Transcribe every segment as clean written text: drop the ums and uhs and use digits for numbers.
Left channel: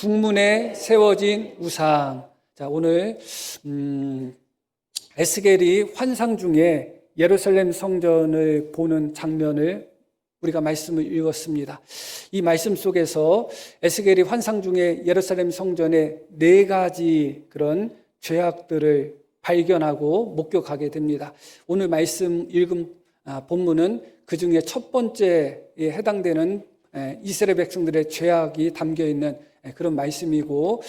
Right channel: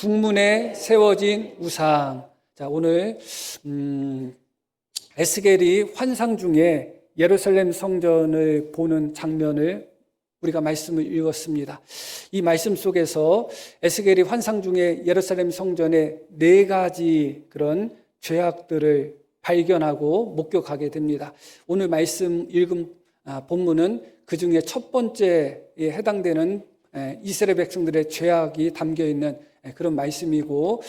북문에 세워진 우상. 자, 오늘 에스겔이 환상 중에 예루살렘 성전을 보는 장면을 우리가 말씀을 읽었습니다. 이 말씀 속에서 에스겔이 환상 중에 예루살렘 성전의 4가지 그런 죄악들을 발견하고 목격하게 됩니다. 오늘 말씀 읽은 본문은 그 중에 첫 번째에 해당되는 이스라엘 백성들의 죄악이 담겨있는 그런 말씀이고,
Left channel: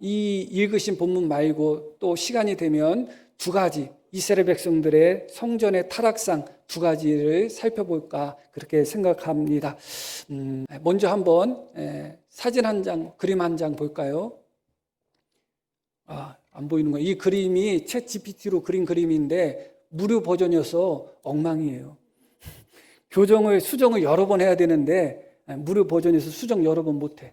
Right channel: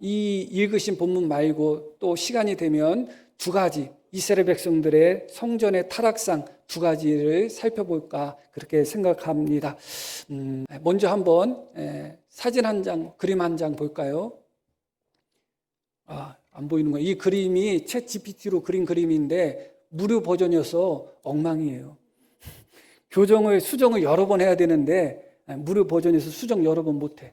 이 읽으신 본문 말고 또 시간이 되면 2가지 이스라엘 백성들의 성전의 타락상 2가지를 살펴볼까 그렇게 생각합니다. 먼저 한번 사진 한 장, 그림 한 장 볼까요? 안 보이는 거예요. 이 그림이 챗 GPT로 그린 그림인데 무료 버전이어서 엉망이에요. 수정을 여러 번 해야 되는데 무료 버전에서 수정 여러 번 못해.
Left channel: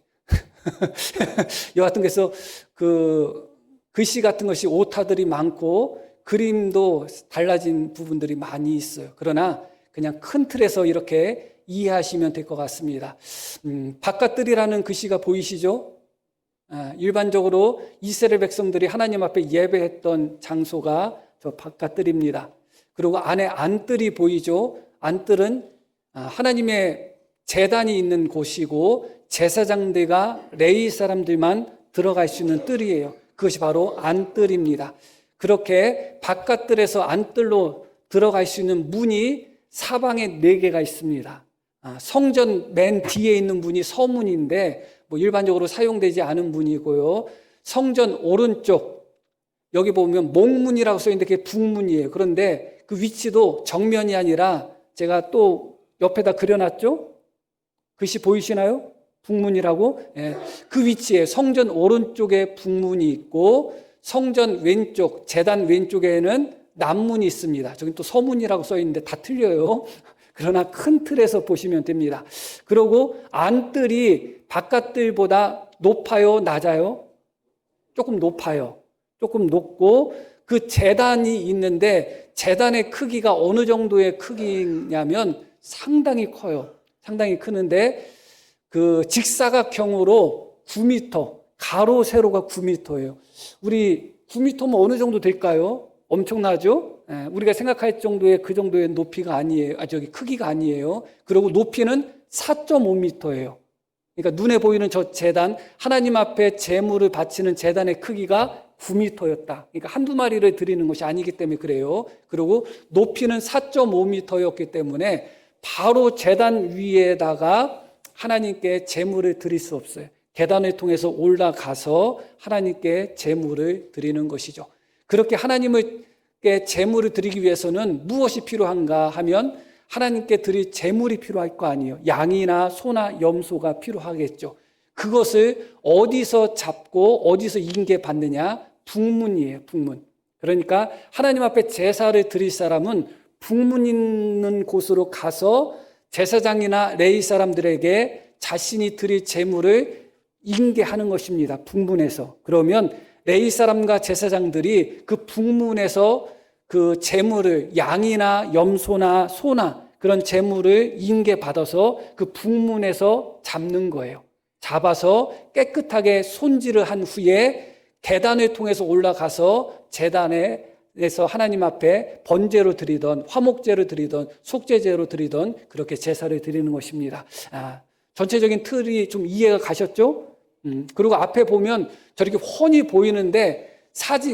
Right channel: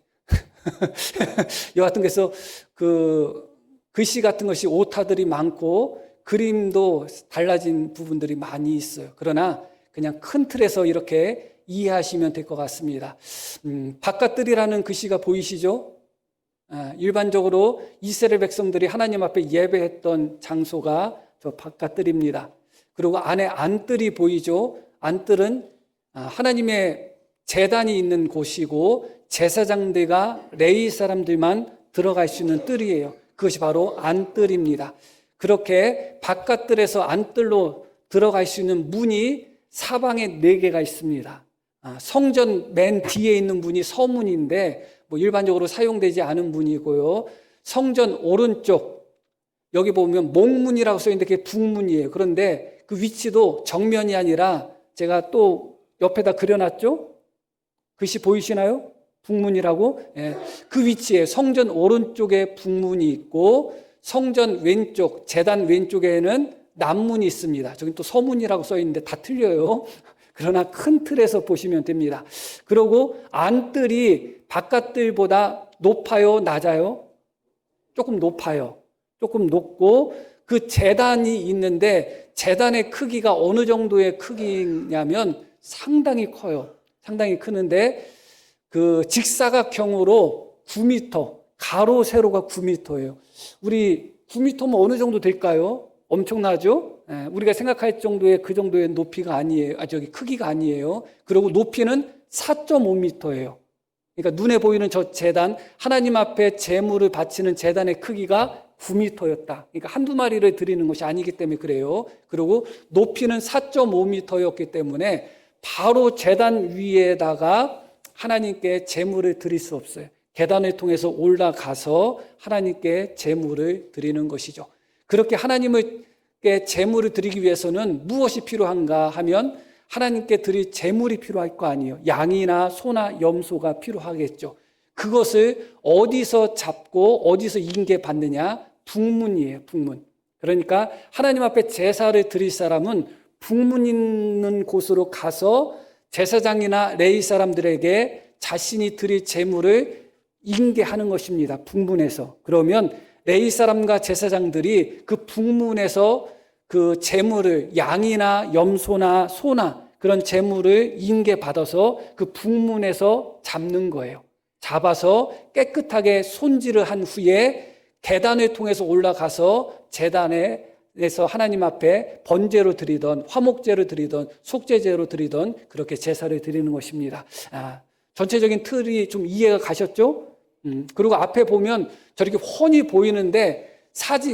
여하튼 그래서 그 글씨 같은 것이 오타들이 많고 그림도 달라진 부분들이 많이 있어요. 그러나 그냥 큰 틀에서 이렇게 이해하시면 될 것 같습니다. 바깥들이라는 글씨가 보이시죠? 일반적으로 이스라엘 백성들이 하나님 앞에 예배했던 장소가 저 바깥들입니다. 그리고 안에 안뜰이 보이죠? 안뜰은 하나님의 제단이 있는 곳이고 제사장대가 레위 사람들만 들어갈 수 있는 뜰이에요. 그것이 바로 안뜰입니다. 그렇게 바깥뜰에서 안뜰로 들어갈 수 있는 문이 사방에 4개가 있습니다. 성전 맨 뒤에 있는 문이 서문인데 일반적으로 사용되지 않은 문이고요. 성전 오른쪽 여기 보면 먼문이라고 써있는데 그게 북문이에요. 그런데 그 위치도 정면이 아니라 제가 또 옆에다 그려놨죠? 글씨 보이시나요? 북문이라고? 그 위치에 성전 오른쪽에 북문이 있고 성전 왼쪽, 제단 왼쪽에는 남문이 있습니다. 저기 또 서문이라고 써있는데 다 틀려요. 그러나 큰 틀에서 보시면 됩니다. 그리고 안뜰이 바깥뜰보다 높아요? 낮아요? 조금 높아요. 조금 높고 그 제단이 있는데 제단의 크기가 어느 정도의 크기냐면 상당히 커요. 상당히 크는데 그 직사각형으로 9m, 가로 세로가 9m예요. 우리 9m면 어느 정도 될까요? 엄청나죠? 우리가 생각할 정도의 그 정도의 높이가 아니에요. 크기가 아니에요. 그리고 높이는 4.5m예요. 그러니까 눈에 보이는 저 제단, 하나님 앞에 제물을 바치는 제단의 크기가 9m였다. 그러니까 한두 마리를 드리는 것이 아니기 때문에 그래요. 그리고 높이는 4.5m였기 때문에 바로 제단 위에다가 하나님께 제물을 드릴 수 없어요. 계단을 통해서 올라가서 하나님께 제물을 드리는 것이죠. 그렇게 하나님께 제물을 드리기 위해서는 무엇이 필요한가 하면 하나님께 드릴 제물이 필요할 거 아니에요. 양이나 소나 염소가 필요하겠죠. 그것을 어디서 잡고 어디서 인계받느냐? 북문이에요. 북문. 그러니까 하나님 앞에 제사를 드릴 사람은 북문 있는 곳으로 가서 제사장이나 레위 사람들에게 자신이 드릴 제물을 인계하는 것입니다. 북문에서. 그러면 레위 사람과 제사장들이 그 북문에서 그 제물을 양이나 염소나 소나 그런 제물을 인계받아서 그 북문에서 잡는 거예요. 잡아서 깨끗하게 손질을 한 후에 계단을 통해서 올라가서 제단에서 하나님 앞에 번제로 드리던 화목제로 드리던 속죄제로 드리던 그렇게 제사를 드리는 것입니다. 전체적인 틀이 좀 이해가 가셨죠? 그리고 앞에 보면 저렇게 훤히 보이는데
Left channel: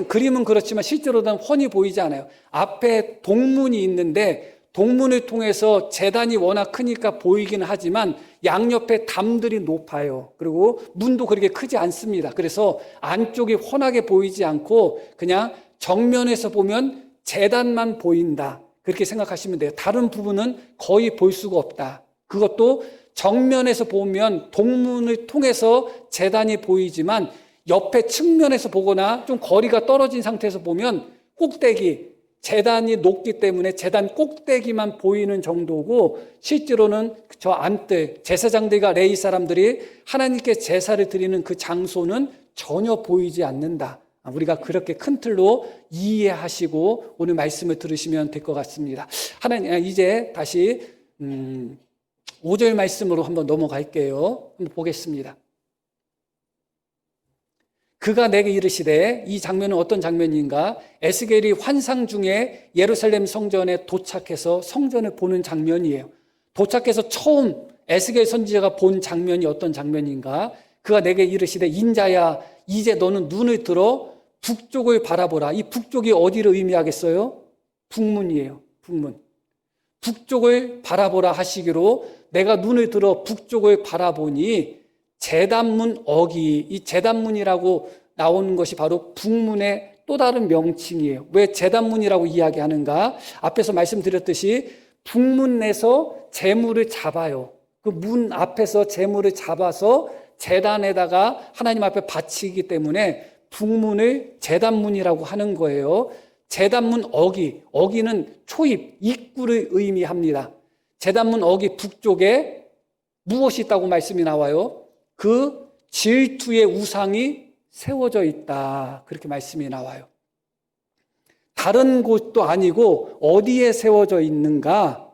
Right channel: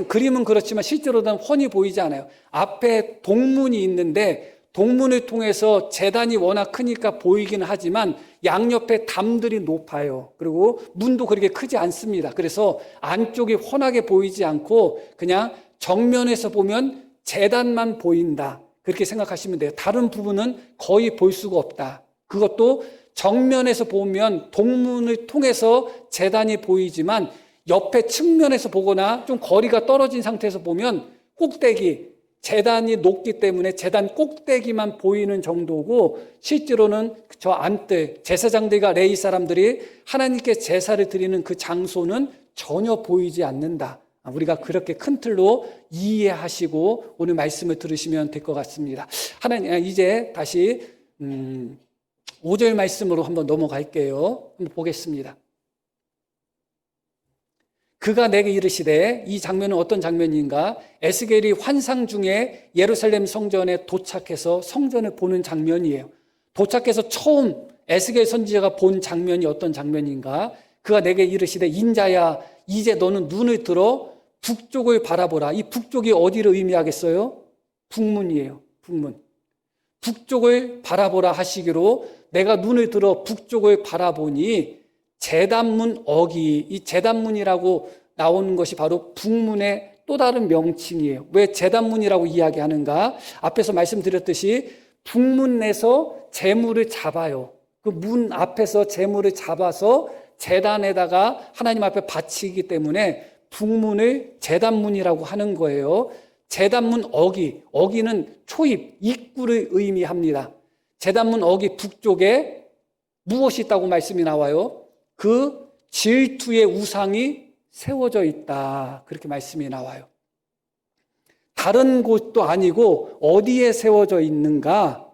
그림은 그렇지만 실제로는 훤히 보이지 않아요. 앞에 동문이 있는데 동문을 통해서 제단이 워낙 크니까 보이긴 하지만 양옆에 담들이 높아요. 그리고 문도 그렇게 크지 않습니다. 그래서 안쪽이 훤하게 보이지 않고 그냥 정면에서 보면 제단만 보인다. 그렇게 생각하시면 돼요. 다른 부분은 거의 볼 수가 없다. 그것도 정면에서 보면 동문을 통해서 제단이 보이지만 옆에 측면에서 보거나 좀 거리가 떨어진 상태에서 보면 꼭대기, 제단이 높기 때문에 제단 꼭대기만 보이는 정도고 실제로는 저 안뜰, 제사장들과 레위 사람들이 하나님께 제사를 드리는 그 장소는 전혀 보이지 않는다. 우리가 그렇게 큰 틀로 이해하시고 오늘 말씀을 들으시면 될 것 같습니다. 이제 다시 5절 말씀으로 한번 넘어갈게요. 보겠습니다. 그가 내게 이르시되, 이 장면은 어떤 장면인가? 에스겔이 환상 중에 예루살렘 성전에 도착해서 성전을 보는 장면이에요. 도착해서 처음 에스겔 선지자가 본 장면이 어떤 장면인가? 그가 내게 이르시되, 인자야, 이제 너는 눈을 들어 북쪽을 바라보라. 이 북쪽이 어디를 의미하겠어요? 북문이에요. 북문. 북쪽을 바라보라 하시기로 내가 눈을 들어 북쪽을 바라보니 제단문 어기, 이 제단문이라고 나오는 것이 바로 북문의 또 다른 명칭이에요. 왜 제단문이라고 이야기하는가? 앞에서 말씀드렸듯이 북문에서 제물을 잡아요. 그 문 앞에서 제물을 잡아서 제단에다가 하나님 앞에 바치기 때문에 북문을 제단문이라고 하는 거예요. 제단문 어기, 어기는 초입, 입구를 의미합니다. 제단문 어기 북쪽에 무엇이 있다고 말씀이 나와요? 그 질투의 우상이 세워져 있다. 그렇게 말씀이 나와요. 다른 곳도 아니고 어디에 세워져 있는가?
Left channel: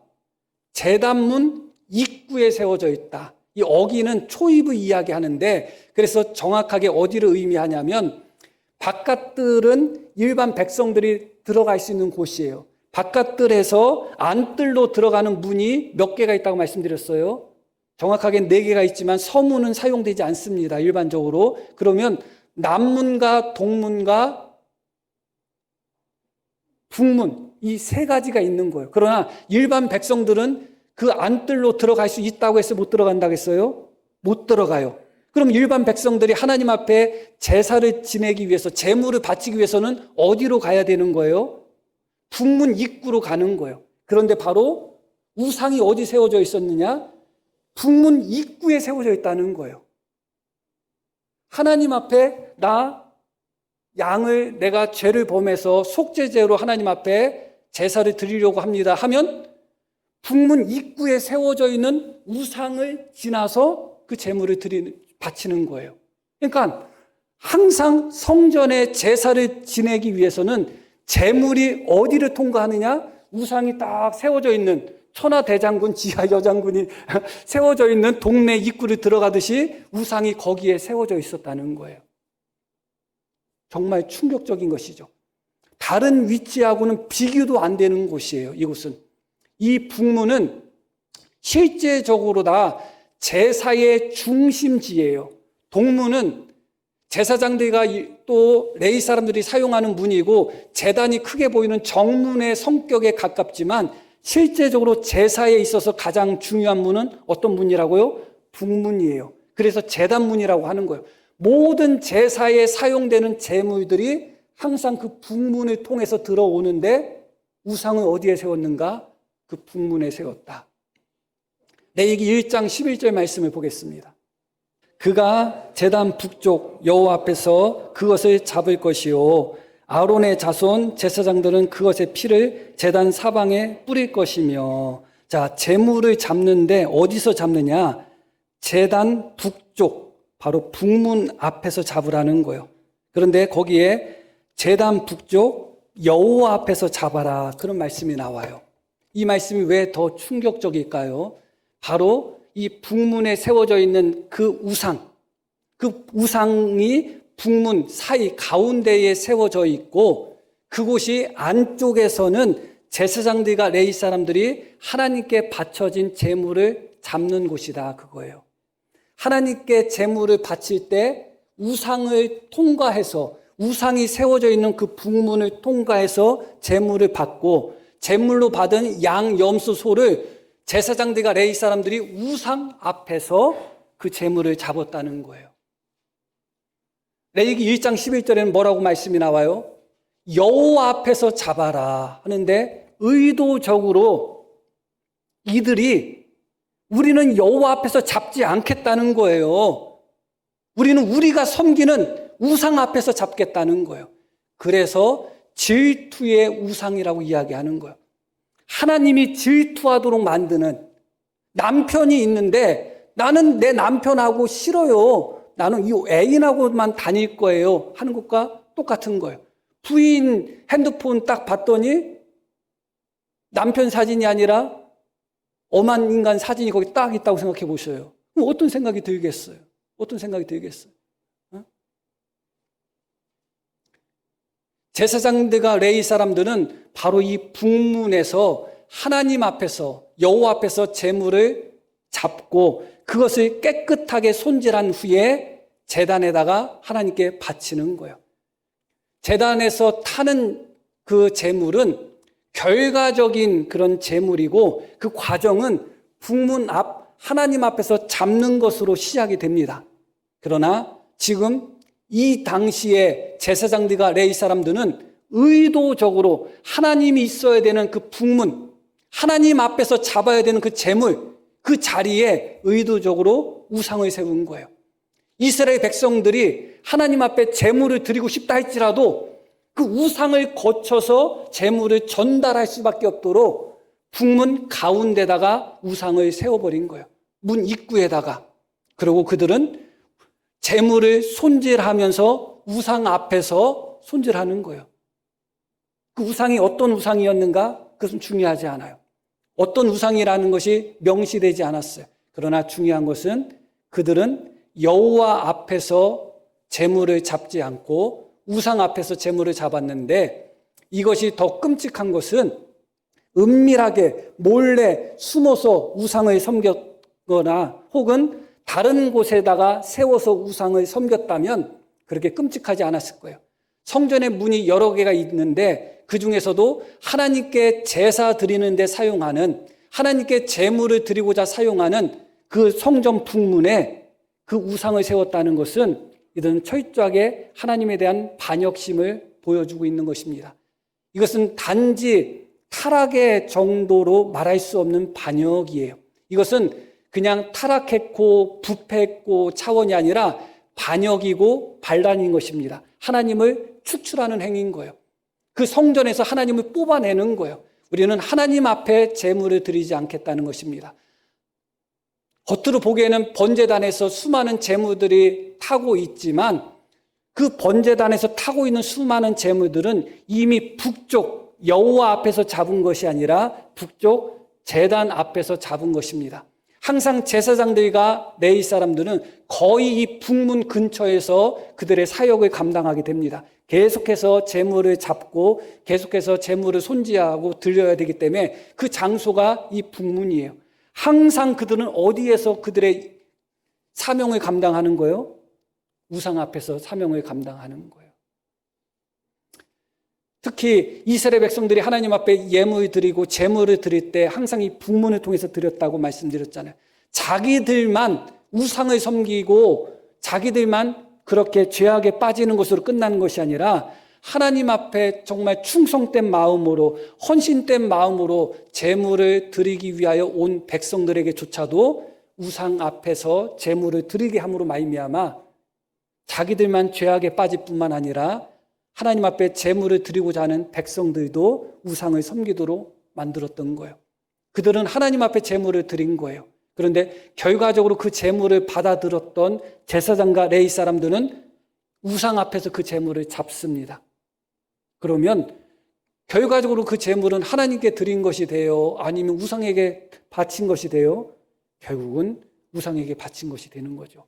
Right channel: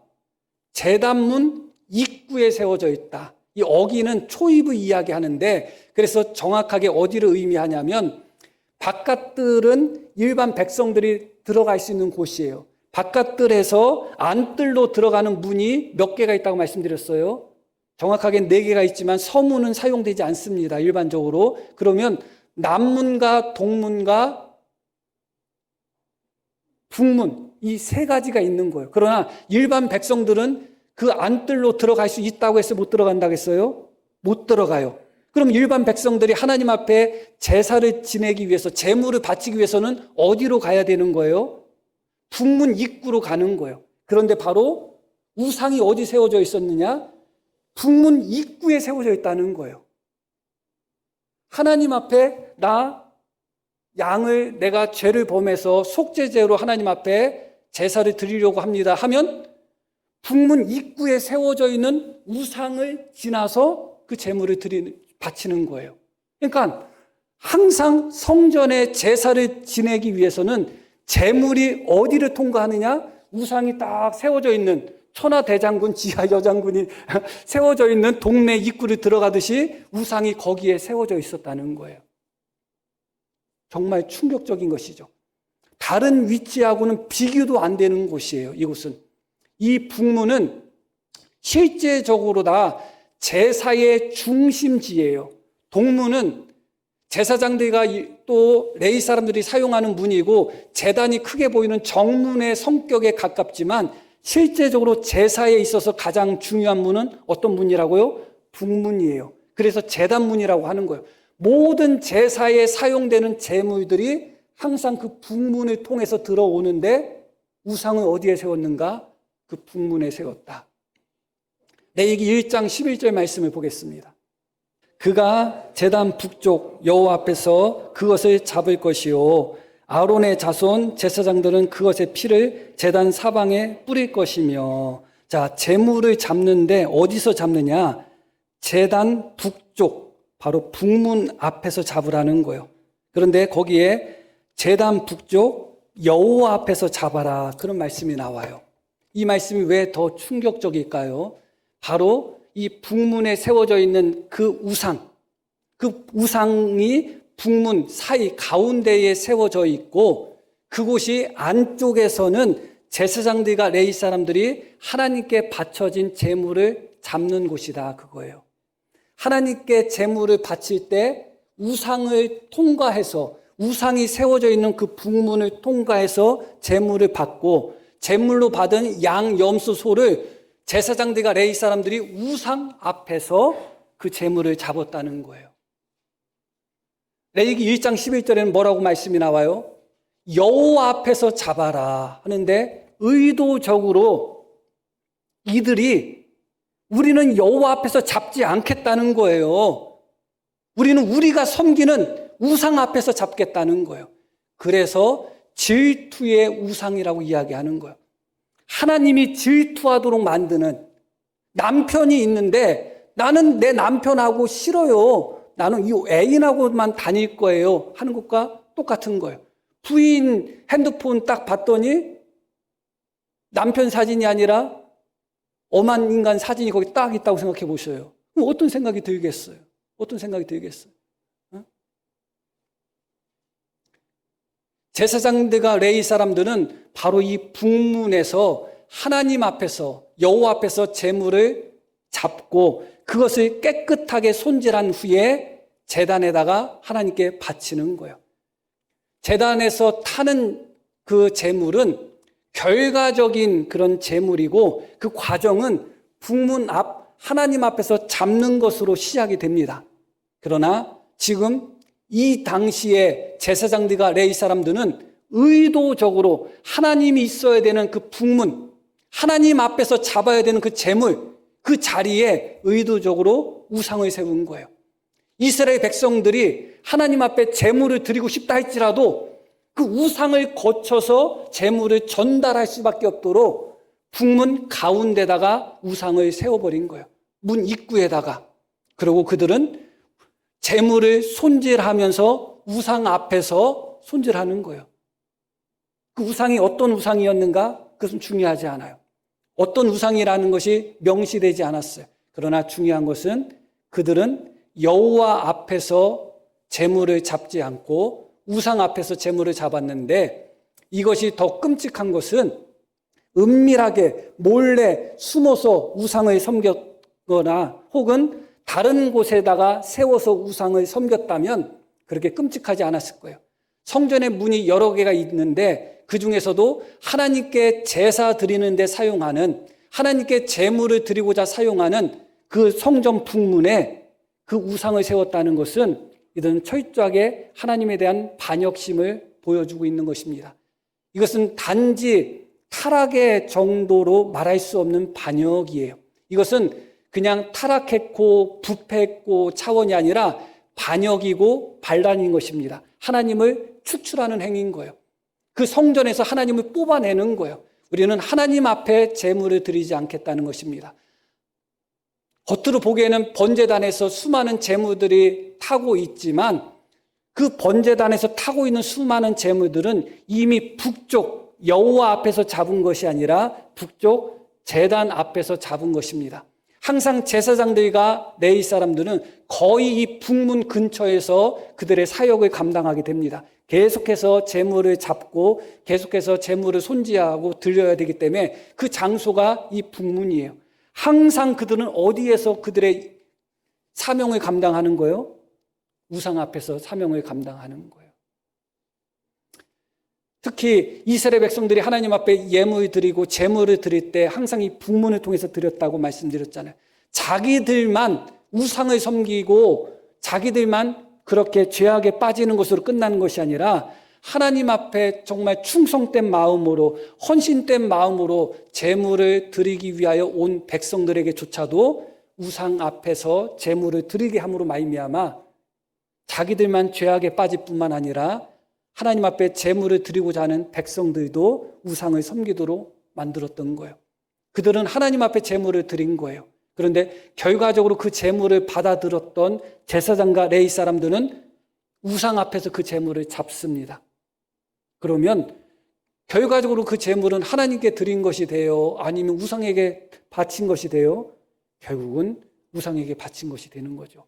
제단문 입구에 세워져 있다. 이 어기는 초입을 이야기하는데, 그래서 정확하게 어디를 의미하냐면 바깥들은 일반 백성들이 들어갈 수 있는 곳이에요. 바깥들에서 안뜰로 들어가는 문이 몇 개가 있다고 말씀드렸어요? 정확하게 4개가 있지만 서문은 사용되지 않습니다. 일반적으로. 그러면 남문과 동문과 북문, 이 3가지가 있는 거예요. 그러나 일반 백성들은 그 안뜰로 들어갈 수 있다고 해서 못 들어간다고 했어요? 못 들어가요. 그럼 일반 백성들이 하나님 앞에 제사를 지내기 위해서, 제물을 바치기 위해서는 어디로 가야 되는 거예요? 북문 입구로 가는 거예요. 그런데 바로 우상이 어디 세워져 있었느냐? 북문 입구에 세워져 있다는 거예요. 하나님 앞에 양을 내가 죄를 범해서 속죄제로 하나님 앞에 제사를 드리려고 합니다 하면 북문 입구에 세워져 있는 우상을 지나서 그 제물을 바치는 거예요. 그러니까 항상 성전에 제사를 지내기 위해서는 제물이 어디를 통과하느냐? 우상이 딱 세워져 있는, 천하대장군, 지하여장군이 세워져 있는 동네 입구를 들어가듯이 우상이 거기에 세워져 있었다는 거예요. 정말 충격적인 것이죠. 다른 위치하고는 비교도 안 되는 곳이에요. 이곳은. 이 북문은 실제적으로 다 제사의 중심지예요. 동문은 제사장들과 또 레위 사람들이 사용하는 문이고, 제단이 크게 보이는 정문의 성격에 가깝지만 실제적으로 제사에 있어서 가장 중요한 문은 어떤 문이라고요? 북문이에요. 그래서 제단문이라고 하는 거예요. 모든 제사에 사용되는 제물들이 항상 그 북문을 통해서 들어오는데 우상을 어디에 세웠는가? 그 북문에 세웠다. 레위기 1장 11절 말씀을 보겠습니다. 그가 제단 북쪽 여호와 앞에서 그것을 잡을 것이요 아론의 자손 제사장들은 그것의 피를 제단 사방에 뿌릴 것이며. 자, 제물을 잡는데 어디서 잡느냐? 제단 북쪽, 바로 북문 앞에서 잡으라는 거예요. 그런데 거기에 제단 북쪽 여호와 앞에서 잡아라, 그런 말씀이 나와요. 이 말씀이 왜 더 충격적일까요? 바로 이 북문에 세워져 있는 그 우상이 북문 사이 가운데에 세워져 있고, 그곳이 안쪽에서는 제사장들과 레위 사람들이 하나님께 바쳐진 제물을 잡는 곳이다, 그거예요. 하나님께 제물을 바칠 때 우상을 통과해서, 우상이 세워져 있는 그 북문을 통과해서 제물을 받고, 제물로 받은 양, 염소, 소를 제사장들과 레위 사람들이 우상 앞에서 그 제물을 잡았다는 거예요. 레위기 1장 11절에는 뭐라고 말씀이 나와요? 여호와 앞에서 잡아라 하는데, 의도적으로 이들이 우리는 여호와 앞에서 잡지 않겠다는 거예요. 우리는 우리가 섬기는 우상 앞에서 잡겠다는 거예요. 그래서 질투의 우상이라고 이야기하는 거예요. 하나님이 질투하도록 만드는, 남편이 있는데 나는 내 남편하고 싫어요, 나는 이 애인하고만 다닐 거예요 하는 것과 똑같은 거예요. 부인 핸드폰 딱 봤더니 남편 사진이 아니라 엄한 인간 사진이 거기 딱 있다고 생각해 보셔요. 어떤 생각이 들겠어요? 어떤 생각이 들겠어요? 제사장들과 레위 사람들은 바로 이 북문에서 하나님 앞에서, 여호와 앞에서 제물을 잡고 그것을 깨끗하게 손질한 후에 제단에다가 하나님께 바치는 거예요. 제단에서 타는 그 제물은 결과적인 그런 제물이고, 그 과정은 북문 앞 하나님 앞에서 잡는 것으로 시작이 됩니다. 그러나 지금 이 당시에 제사장들과 레위 사람들은 의도적으로 하나님이 있어야 되는 그 북문, 하나님 앞에서 잡아야 되는 그 제물, 그 자리에 의도적으로 우상을 세운 거예요. 이스라엘 백성들이 하나님 앞에 제물을 드리고 싶다 할지라도 그 우상을 거쳐서 제물을 전달할 수밖에 없도록 북문 가운데다가 우상을 세워버린 거예요. 문 입구에다가. 그리고 그들은 제물을 손질하면서 우상 앞에서 손질하는 거예요. 그 우상이 어떤 우상이었는가? 그것은 중요하지 않아요. 어떤 우상이라는 것이 명시되지 않았어요. 그러나 중요한 것은 그들은 여호와 앞에서 제물을 잡지 않고 우상 앞에서 제물을 잡았는데, 이것이 더 끔찍한 것은 은밀하게 몰래 숨어서 우상을 섬겼거나 혹은 다른 곳에다가 세워서 우상을 섬겼다면 그렇게 끔찍하지 않았을 거예요. 성전의 문이 여러 개가 있는데 그 중에서도 하나님께 제사 드리는 데 사용하는, 하나님께 제물을 드리고자 사용하는 그 성전 북문에 그 우상을 세웠다는 것은 이들은 철저하게 하나님에 대한 반역심을 보여주고 있는 것입니다. 이것은 단지 타락의 정도로 말할 수 없는 반역이에요. 이것은 그냥 타락했고 부패했고 차원이 아니라 반역이고 반란인 것입니다. 하나님을 추출하는 행위인 거예요. 그 성전에서 하나님을 뽑아내는 거예요. 우리는 하나님 앞에 제물을 드리지 않겠다는 것입니다. 겉으로 보기에는 번제단에서 수많은 제물들이 타고 있지만 그 번제단에서 타고 있는 수많은 제물들은 이미 북쪽 여호와 앞에서 잡은 것이 아니라 북쪽 제단 앞에서 잡은 것입니다. 항상 제사장들과 레위 사람들은 거의 이 북문 근처에서 그들의 사역을 감당하게 됩니다. 계속해서 제물을 잡고 계속해서 제물을 손질하고 드려야 되기 때문에 그 장소가 이 북문이에요. 항상 그들은 어디에서 그들의 사명을 감당하는 거예요? 우상 앞에서 사명을 감당하는 거예요. 특히 이스라엘 백성들이 하나님 앞에 예물을 드리고 제물을 드릴 때 항상 이 북문을 통해서 드렸다고 말씀드렸잖아요. 자기들만 우상을 섬기고 자기들만 그렇게 죄악에 빠지는 것으로 끝나는 것이 아니라 하나님 앞에 정말 충성된 마음으로, 헌신된 마음으로 제물을 드리기 위하여 온 백성들에게조차도 우상 앞에서 제물을 드리게 함으로 말미암아 자기들만 죄악에 빠질 뿐만 아니라 하나님 앞에 제물을 드리고자 하는 백성들도 우상을 섬기도록 만들었던 거예요. 그들은 하나님 앞에 제물을 드린 거예요. 그런데 결과적으로 그 제물을 받아들였던 제사장과 레위 사람들은 우상 앞에서 그 제물을 잡습니다. 그러면 결과적으로 그 제물은 하나님께 드린 것이 돼요? 아니면 우상에게 바친 것이 돼요? 결국은 우상에게 바친 것이 되는 거죠.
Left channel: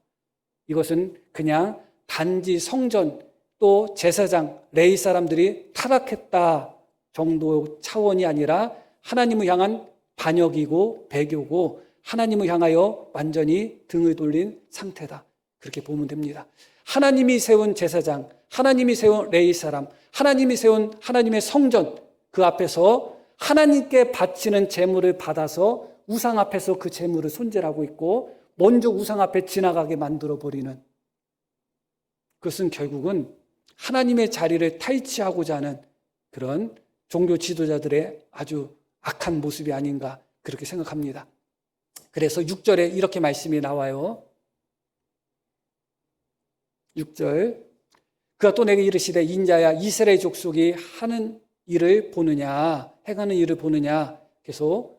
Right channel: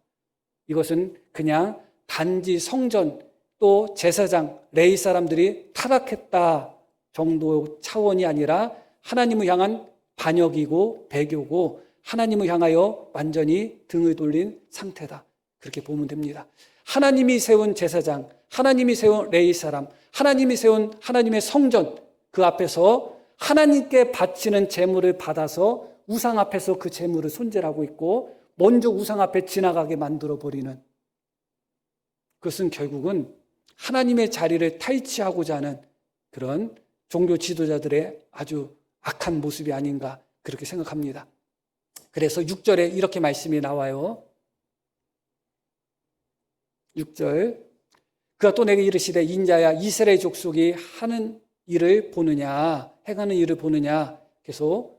이것은 그냥 단지 성전 또 제사장, 레위 사람들이 타락했다 정도 차원이 아니라 하나님을 향한 반역이고 배교고 하나님을 향하여 완전히 등을 돌린 상태다. 그렇게 보면 됩니다. 하나님이 세운 제사장, 하나님이 세운 레위 사람, 하나님이 세운 하나님의 성전, 그 앞에서 하나님께 바치는 제물을 받아서 우상 앞에서 그 제물을 손질하고 있고 먼저 우상 앞에 지나가게 만들어버리는, 그것은 결국은 하나님의 자리를 탈취하고자 하는 그런 종교 지도자들의 아주 악한 모습이 아닌가 그렇게 생각합니다. 그래서 6절에 이렇게 말씀이 나와요. 6절, 그가 또 내게 이르시되 인자야 이스라엘 족속이 하는 일을 보느냐, 행하는 일을 보느냐. 그래서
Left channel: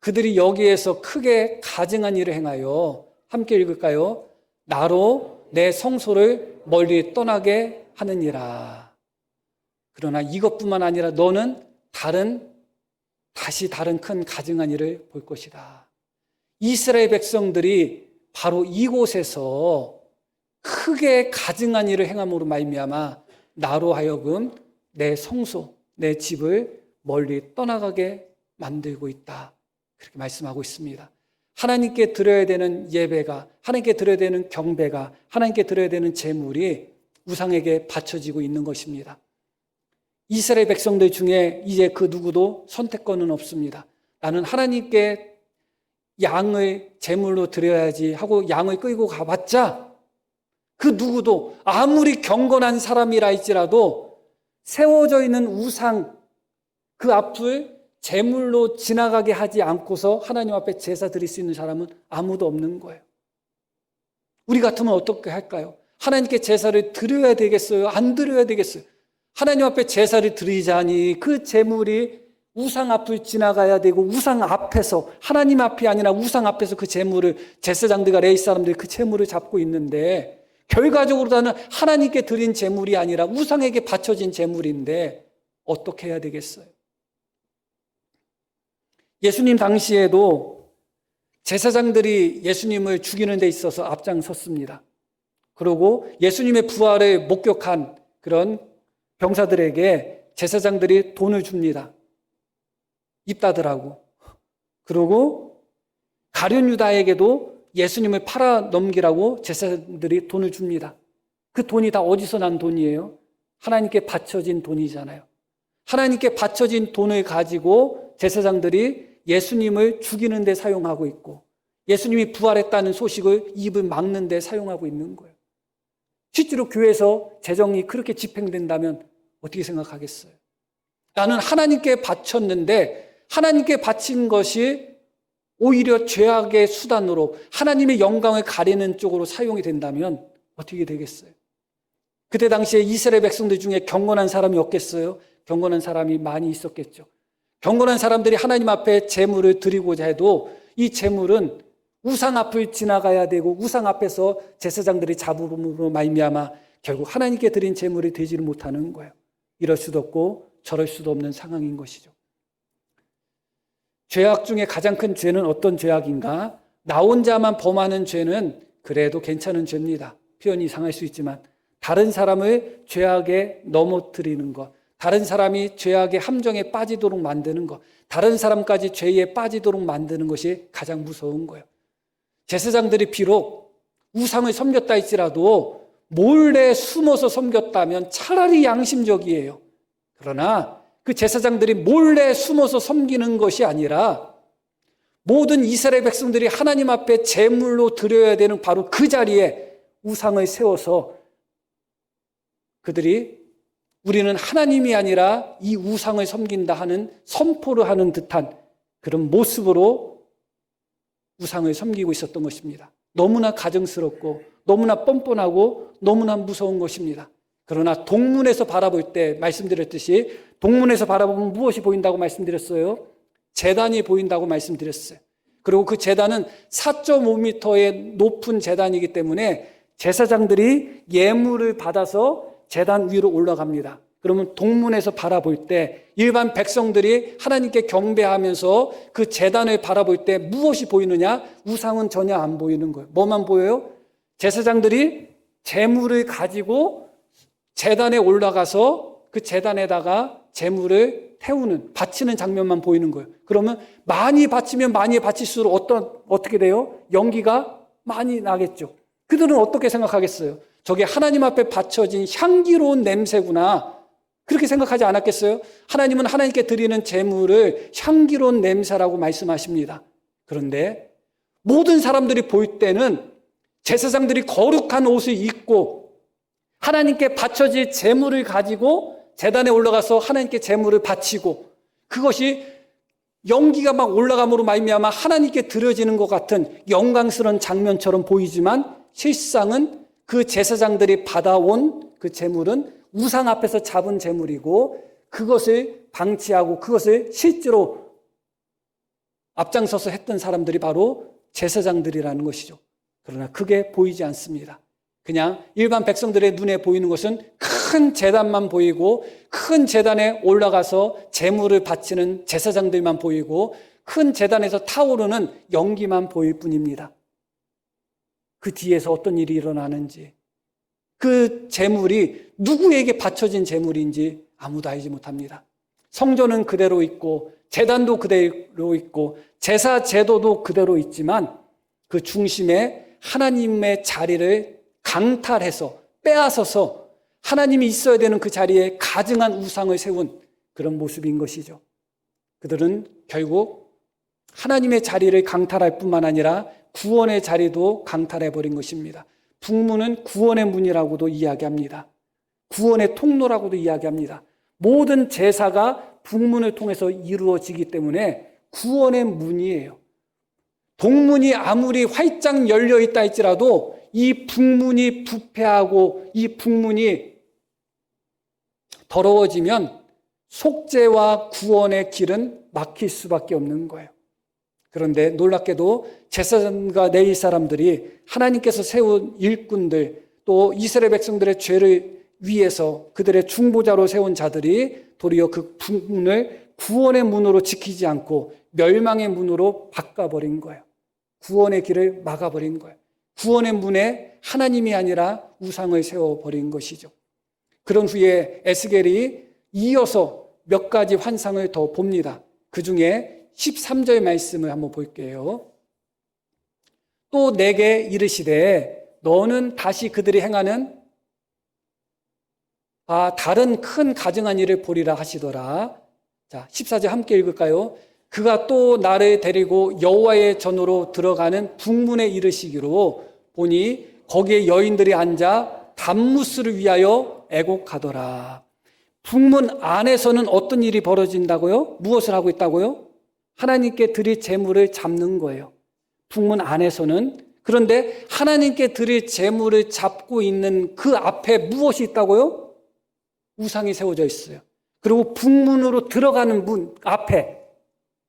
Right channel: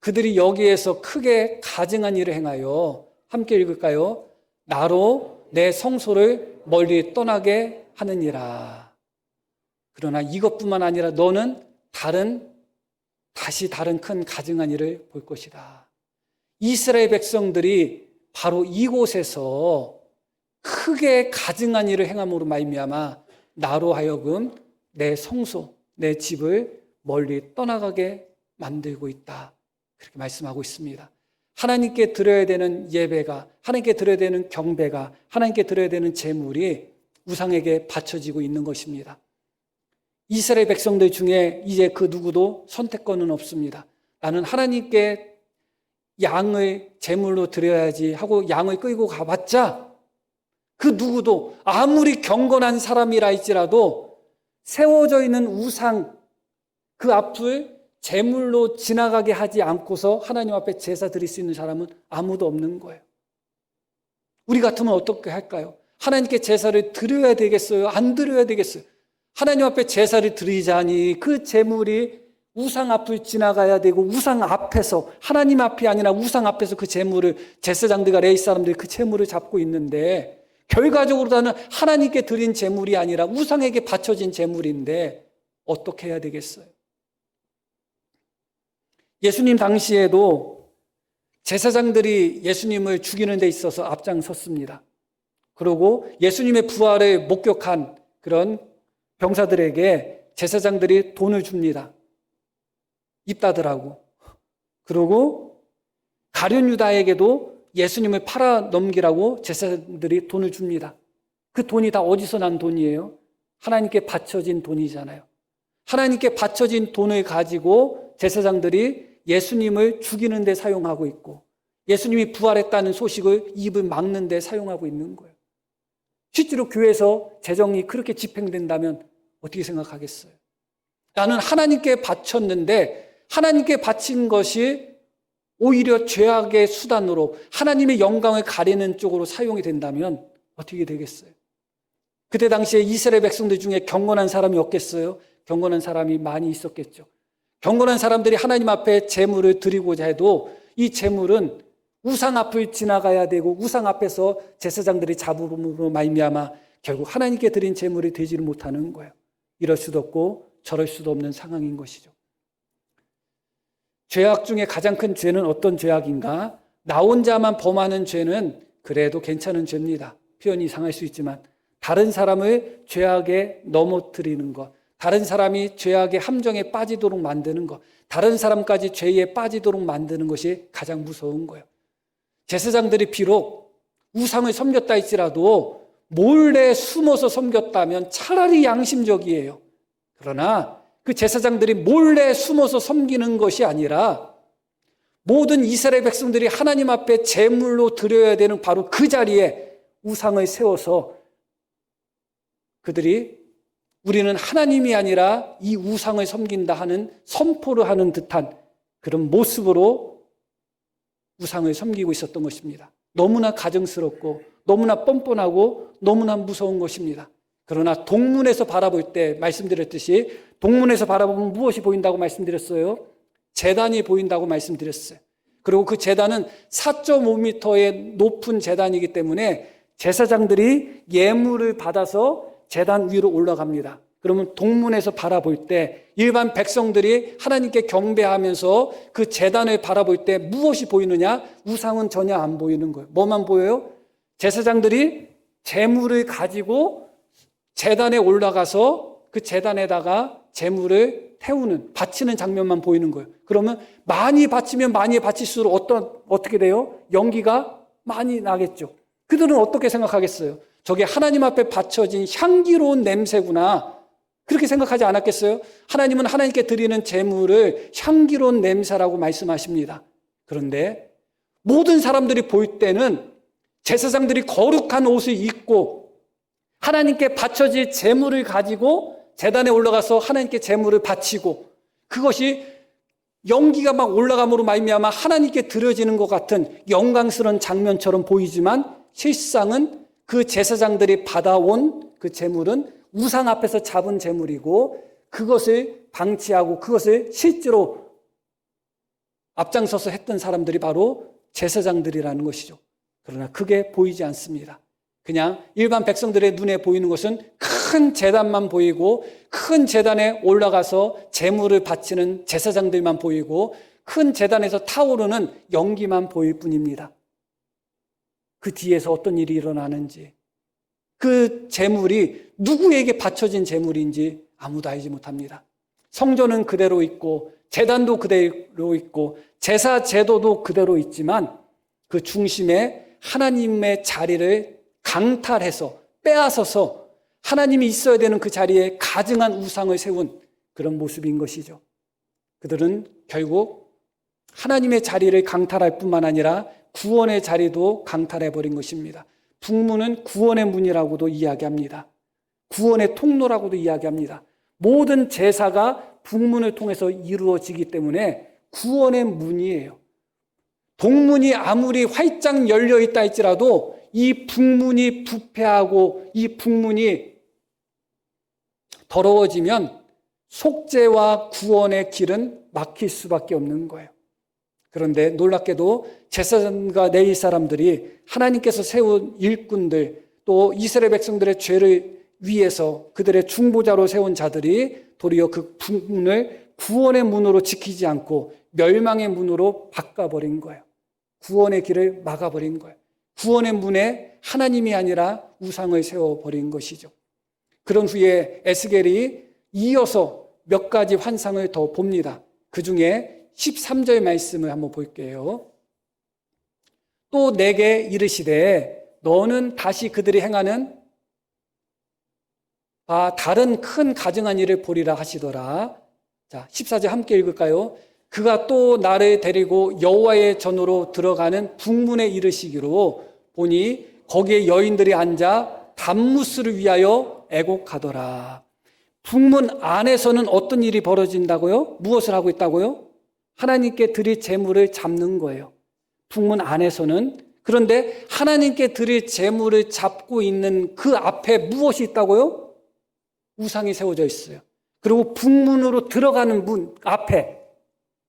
그들이 여기에서 크게 가증한 일을 행하여, 함께 읽을까요? 나로 내 성소를 멀리 떠나게 하느니라. 그러나 이것뿐만 아니라 너는 다시 다른 큰 가증한 일을 볼 것이다. 이스라엘 백성들이 바로 이곳에서 크게 가증한 일을 행함으로 말미암아 나로 하여금 내 성소, 내 집을 멀리 떠나가게 만들고 있다. 그렇게 말씀하고 있습니다. 하나님께 드려야 되는 예배가, 하나님께 드려야 되는 경배가, 하나님께 드려야 되는 제물이 우상에게 바쳐지고 있는 것입니다. 이스라엘 백성들 중에 이제 그 누구도 선택권은 없습니다. 나는 하나님께 양을 제물로 드려야지 하고 양을 끌고 가봤자 그 누구도 아무리 경건한 사람이라 할지라도 세워져 있는 우상 그 앞을 제물로 지나가게 하지 않고서 하나님 앞에 제사 드릴 수 있는 사람은 아무도 없는 거예요. 우리 같으면 어떻게 할까요? 하나님께 제사를 드려야 되겠어요? 안 드려야 되겠어요? 하나님 앞에 제사를 드리자니 그 제물이 우상 앞을 지나가야 되고 우상 앞에서, 하나님 앞이 아니라 우상 앞에서 그 제물을, 제사장들과 레위 사람들이 그 제물을 잡고 있는데 결과적으로 나는 하나님께 드린 제물이 아니라 우상에게 바쳐진 제물인데 어떻게 해야 되겠어요? 예수님 당시에도 제사장들이 예수님을 죽이는 데 있어서 앞장섰습니다. 그리고 예수님의 부활을 목격한 그런 병사들에게 제사장들이 돈을 줍니다. 입다들하고. 그리고 가룟 유다에게도 예수님을 팔아 넘기라고 제사장들이 돈을 줍니다. 그 돈이 다 어디서 난 돈이에요? 하나님께 바쳐진 돈이잖아요. 하나님께 바쳐진 돈을 가지고 제사장들이 예수님을 죽이는 데 사용하고 있고 예수님이 부활했다는 소식을 입을 막는 데 사용하고 있는 거예요. 실제로 교회에서 재정이 그렇게 집행된다면 어떻게 생각하겠어요? 나는 하나님께 바쳤는데 하나님께 바친 것이 오히려 죄악의 수단으로 하나님의 영광을 가리는 쪽으로 사용이 된다면 어떻게 되겠어요? 그때 당시에 이스라엘 백성들 중에 경건한 사람이 없겠어요? 경건한 사람이 많이 있었겠죠. 경건한 사람들이 하나님 앞에 제물을 드리고자 해도 이 제물은 우상 앞을 지나가야 되고 우상 앞에서 제사장들의 잡음으로 말미암아 결국 하나님께 드린 제물이 되지를 못하는 거예요. 이럴 수도 없고 저럴 수도 없는 상황인 것이죠. 죄악 중에 가장 큰 죄는 어떤 죄악인가? 나 혼자만 범하는 죄는 그래도 괜찮은 죄입니다. 표현이 상할 수 있지만 다른 사람을 죄악에 넘어뜨리는 것, 다른 사람이 죄악의 함정에 빠지도록 만드는 것, 다른 사람까지 죄에 빠지도록 만드는 것이 가장 무서운 거예요. 제사장들이 비록 우상을 섬겼다 할지라도 몰래 숨어서 섬겼다면 차라리 양심적이에요. 그러나 그 제사장들이 몰래 숨어서 섬기는 것이 아니라 모든 이스라엘 백성들이 하나님 앞에 제물로 드려야 되는 바로 그 자리에 우상을 세워서 그들이 우리는 하나님이 아니라 이 우상을 섬긴다 하는 선포를 하는 듯한 그런 모습으로 우상을 섬기고 있었던 것입니다. 너무나 가증스럽고 너무나 뻔뻔하고 너무나 무서운 것입니다. 그러나 동문에서 바라볼 때 말씀드렸듯이 동문에서 바라보면 무엇이 보인다고 말씀드렸어요? 제단이 보인다고 말씀드렸어요. 그리고 그 제단은 4.5m의 높은 제단이기 때문에 제사장들이 예물을 받아서 제단 위로 올라갑니다. 그러면 동문에서 바라볼 때 일반 백성들이 하나님께 경배하면서 그 제단을 바라볼 때 무엇이 보이느냐? 우상은 전혀 안 보이는 거예요. 뭐만 보여요? 제사장들이 제물을 가지고 제단에 올라가서 그 제단에다가 제물을 태우는, 바치는 장면만 보이는 거예요. 그러면 많이 바치면 많이 바칠수록 어떻게 돼요? 연기가 많이 나겠죠. 그들은 어떻게 생각하겠어요? 저게 하나님 앞에 바쳐진 향기로운 냄새구나. 그렇게 생각하지 않았겠어요? 하나님은 하나님께 드리는 제물을 향기로운 냄새라고 말씀하십니다. 그런데 모든 사람들이 볼 때는 제사장들이 거룩한 옷을 입고 하나님께 바쳐진 제물을 가지고 제단에 올라가서 하나님께 제물을 바치고 그것이 연기가 막 올라감으로 말미암아 하나님께 드려지는 것 같은 영광스러운 장면처럼 보이지만 실상은 그 제사장들이 받아온 그 제물은 우상 앞에서 잡은 제물이고 그것을 방치하고 그것을 실제로 앞장서서 했던 사람들이 바로 제사장들이라는 것이죠. 그러나 그게 보이지 않습니다. 그냥 일반 백성들의 눈에 보이는 것은 큰 제단만 보이고 큰 제단에 올라가서 제물을 바치는 제사장들만 보이고 큰 제단에서 타오르는 연기만 보일 뿐입니다. 그 뒤에서 어떤 일이 일어나는지 그 제물이 누구에게 바쳐진 제물인지 아무도 알지 못합니다. 성전은 그대로 있고 제단도 그대로 있고 제사 제도도 그대로 있지만 그 중심에 하나님의 자리를 강탈해서 빼앗아서 하나님이 있어야 되는 그 자리에 가증한 우상을 세운 그런 모습인 것이죠. 그들은 결국 하나님의 자리를 강탈할 뿐만 아니라 구원의 자리도 강탈해버린 것입니다. 북문은 구원의 문이라고도 이야기합니다. 구원의 통로라고도 이야기합니다. 모든 제사가 북문을 통해서 이루어지기 때문에 구원의 문이에요. 동문이 아무리 활짝 열려있다 할지라도 이 북문이 부패하고 이 북문이 더러워지면 속죄와 구원의 길은 막힐 수밖에 없는 거예요. 그런데 놀랍게도 제사장과 레위 사람들이 하나님께서 세운 일꾼들 또 이스라엘 백성들의 죄를 위해서 그들의 중보자로 세운 자들이 도리어 그 북문을 구원의 문으로 지키지 않고 멸망의 문으로 바꿔버린 거예요. 구원의 길을 막아버린 거예요. 구원의 문에 하나님이 아니라 우상을 세워버린 것이죠. 그런 후에 에스겔이 이어서 몇 가지 환상을 더 봅니다. 그 중에 13절 말씀을 한번 볼게요. 또 내게 이르시되 너는 다시 그들이 행하는 다른 큰 가증한 일을 보리라 하시더라. 자, 14절 함께 읽을까요? 그가 또 나를 데리고 여호와의 전으로 들어가는 북문에 이르시기로 보니 거기에 여인들이 앉아 단무스를 위하여 애곡하더라. 북문 안에서는 어떤 일이 벌어진다고요? 무엇을 하고 있다고요? 하나님께 드릴 제물을 잡는 거예요. 북문 안에서는. 그런데 하나님께 드릴 제물을 잡고 있는 그 앞에 무엇이 있다고요? 우상이 세워져 있어요. 그리고 북문으로 들어가는 문 앞에,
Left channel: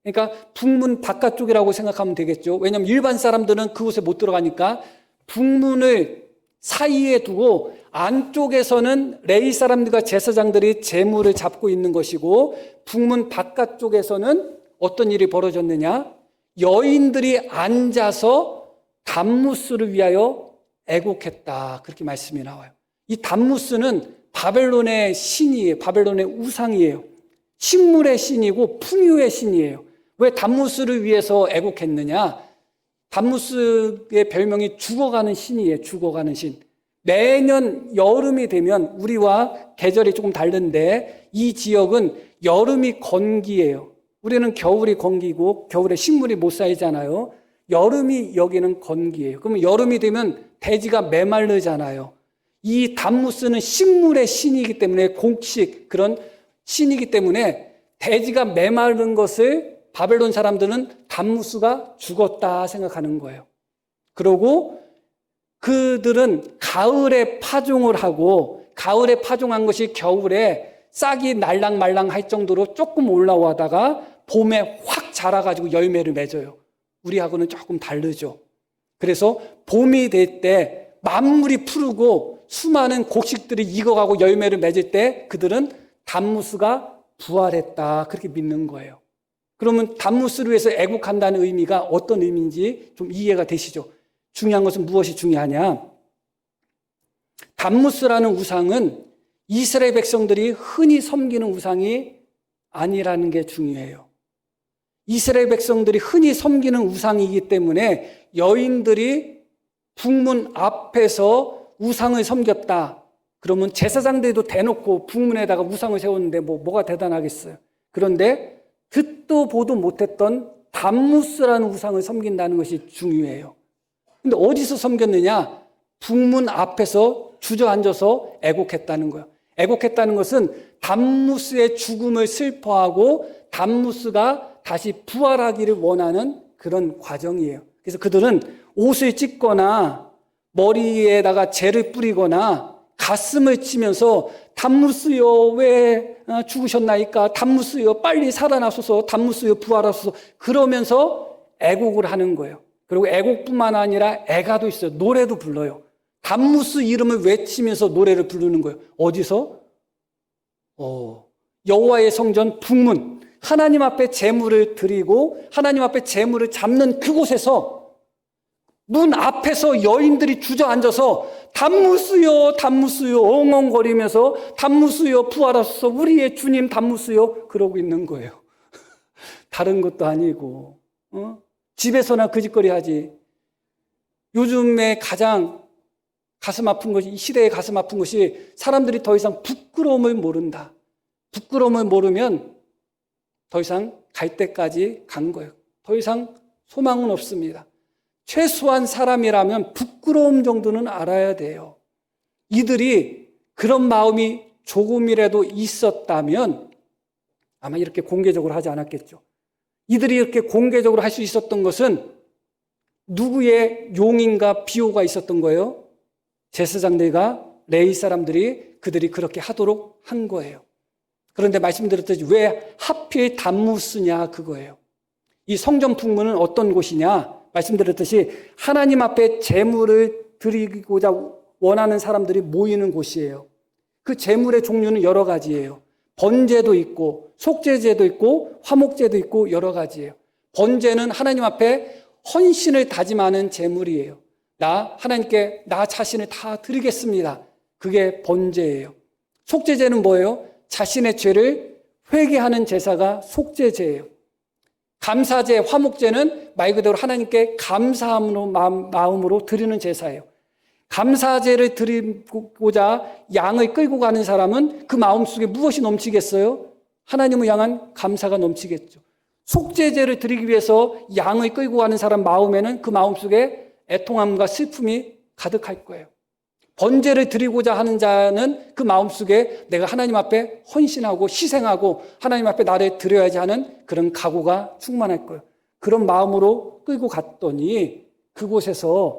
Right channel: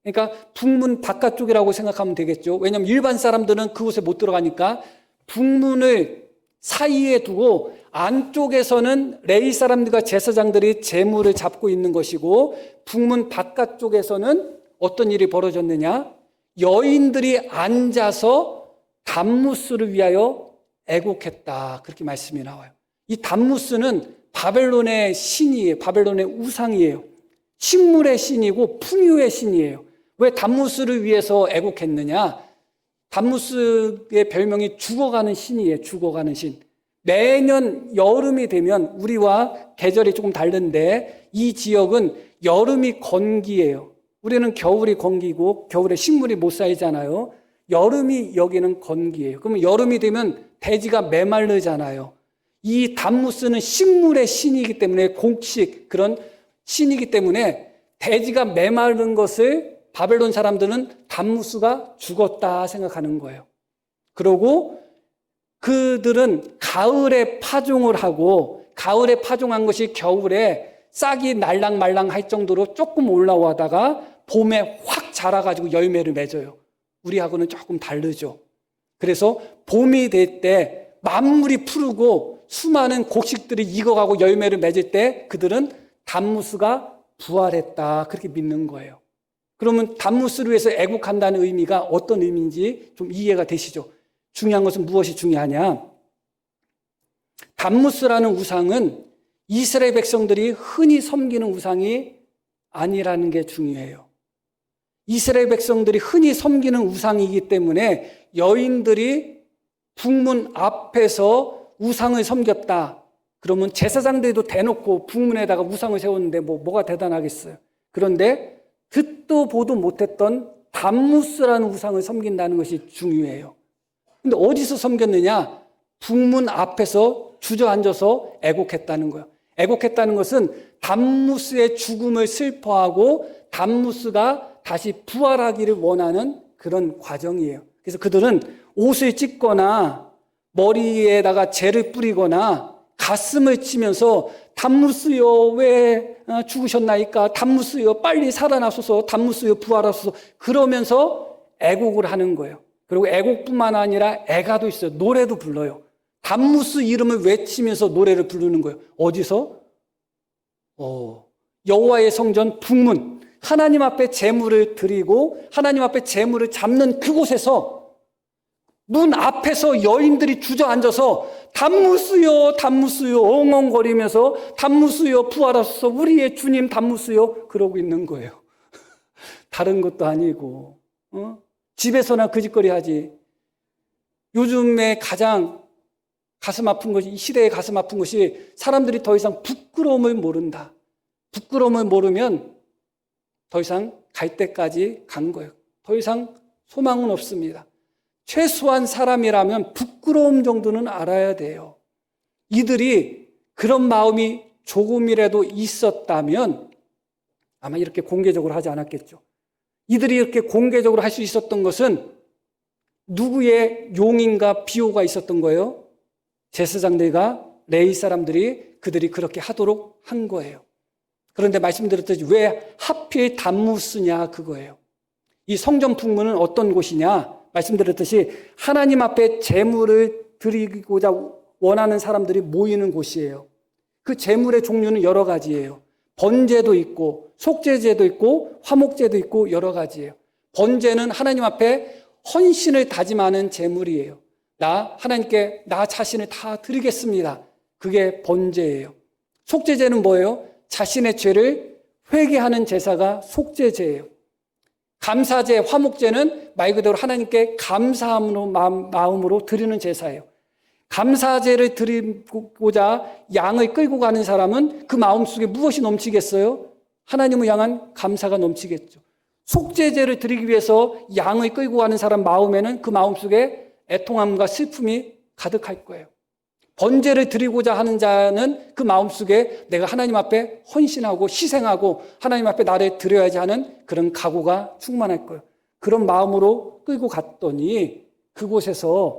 그러니까 북문 바깥쪽이라고 생각하면 되겠죠. 왜냐하면 일반 사람들은 그곳에 못 들어가니까 북문을 사이에 두고 안쪽에서는 레위 사람들과 제사장들이 제물을 잡고 있는 것이고 북문 바깥쪽에서는 어떤 일이 벌어졌느냐? 여인들이 앉아서 단무스를 위하여 애곡했다. 그렇게 말씀이 나와요. 이 단무스는 바벨론의 신이에요. 바벨론의 우상이에요. 식물의 신이고 풍요의 신이에요. 왜 단무스를 위해서 애곡했느냐? 단무스의 별명이 죽어가는 신이에요. 죽어가는 신. 매년 여름이 되면 우리와 계절이 조금 다른데 이 지역은 여름이 건기예요. 우리는 겨울이 건기고 겨울에 식물이 못 살잖아요. 여름이 여기는 건기예요. 그러면 여름이 되면 대지가 메마르잖아요. 이 단무스는 식물의 신이기 때문에 곡식 그런 신이기 때문에 대지가 메마른 것을 바벨론 사람들은 단무스가 죽었다 생각하는 거예요. 그리고 그들은 가을에 파종을 하고 가을에 파종한 것이 겨울에 싹이 날랑말랑 할 정도로 조금 올라오다가 봄에 확 자라가지고 열매를 맺어요. 우리하고는 조금 다르죠. 그래서 봄이 될 때 만물이 푸르고 수많은 곡식들이 익어가고 열매를 맺을 때 그들은 단무스가 부활했다 그렇게 믿는 거예요. 그러면 단무스를 위해서 애국한다는 의미가 어떤 의미인지 좀 이해가 되시죠? 중요한 것은 무엇이 중요하냐? 단무스라는 우상은 이스라엘 백성들이 흔히 섬기는 우상이 아니라는 게 중요해요. 이스라엘 백성들이 흔히 섬기는 우상이기 때문에 여인들이 북문 앞에서 우상을 섬겼다. 그러면 제사장들도 대놓고 북문에다가 우상을 세웠는데 뭐가 대단하겠어요. 그런데 듣도 보도 못했던 단무스라는 우상을 섬긴다는 것이 중요해요. 근데 어디서 섬겼느냐? 북문 앞에서 주저앉아서 애곡했다는 거예요. 애곡했다는 것은 단무스의 죽음을 슬퍼하고 단무스가 다시 부활하기를 원하는 그런 과정이에요. 그래서 그들은 옷을 찢거나 머리에다가 재를 뿌리거나 가슴을 치면서 단무스여 왜 죽으셨나이까? 단무스여 빨리 살아나소서. 단무스여 부활하소서. 그러면서 애곡을 하는 거예요. 그리고 애곡뿐만 아니라 애가도 있어요. 노래도 불러요. 단무스 이름을 외치면서 노래를 부르는 거예요. 어디서? 여호와의 성전 북문, 하나님 앞에 제물을 드리고 하나님 앞에 제물을 잡는 그곳에서 문 앞에서 여인들이 주저앉아서 단무스요, 단무스요, 엉엉거리면서 단무스요, 부활하소서, 우리의 주님 단무스요, 그러고 있는 거예요. 다른 것도 아니고, 집에서나 그 짓거리 하지. 요즘에 가장 가슴 아픈 것이, 이 시대에 가슴 아픈 것이 사람들이 더 이상 부끄러움을 모른다. 부끄러움을 모르면 더 이상 갈 때까지 간 거예요. 더 이상 소망은 없습니다. 최소한 사람이라면 부끄러움 정도는 알아야 돼요. 이들이 그런 마음이 조금이라도 있었다면 아마 이렇게 공개적으로 하지 않았겠죠. 이들이 이렇게 공개적으로 할 수 있었던 것은 누구의 용인과 비호가 있었던 거예요? 제사장들과 레위 사람들이 그들이 그렇게 하도록 한 거예요. 그런데 말씀드렸듯이 왜 하필 단무스냐 그거예요. 이 성전 풍문은 어떤 곳이냐? 말씀드렸듯이 하나님 앞에 제물을 드리고자 원하는 사람들이 모이는 곳이에요. 그 제물의 종류는 여러 가지예요. 번제도 있고 속죄제도 있고 화목제도 있고 여러 가지예요. 번제는 하나님 앞에 헌신을 다짐하는 제물이에요. 하나님께 나 자신을 다 드리겠습니다. 그게 번제예요. 속죄제는 뭐예요? 자신의 죄를 회개하는 제사가 속죄제예요. 감사제, 화목제는 말 그대로 하나님께 감사함으로 마음으로 드리는 제사예요. 감사제를 드리고자 양을 끌고 가는 사람은 그 마음속에 무엇이 넘치겠어요? 하나님을 향한 감사가 넘치겠죠. 속죄제를 드리기 위해서 양을 끌고 가는 사람 마음에는 그 마음속에 애통함과 슬픔이 가득할 거예요. 번제를 드리고자 하는 자는 그 마음속에 내가 하나님 앞에 헌신하고 희생하고 하나님 앞에 나를 드려야지 하는 그런 각오가 충만할 거예요. 그런 마음으로 끌고 갔더니 그곳에서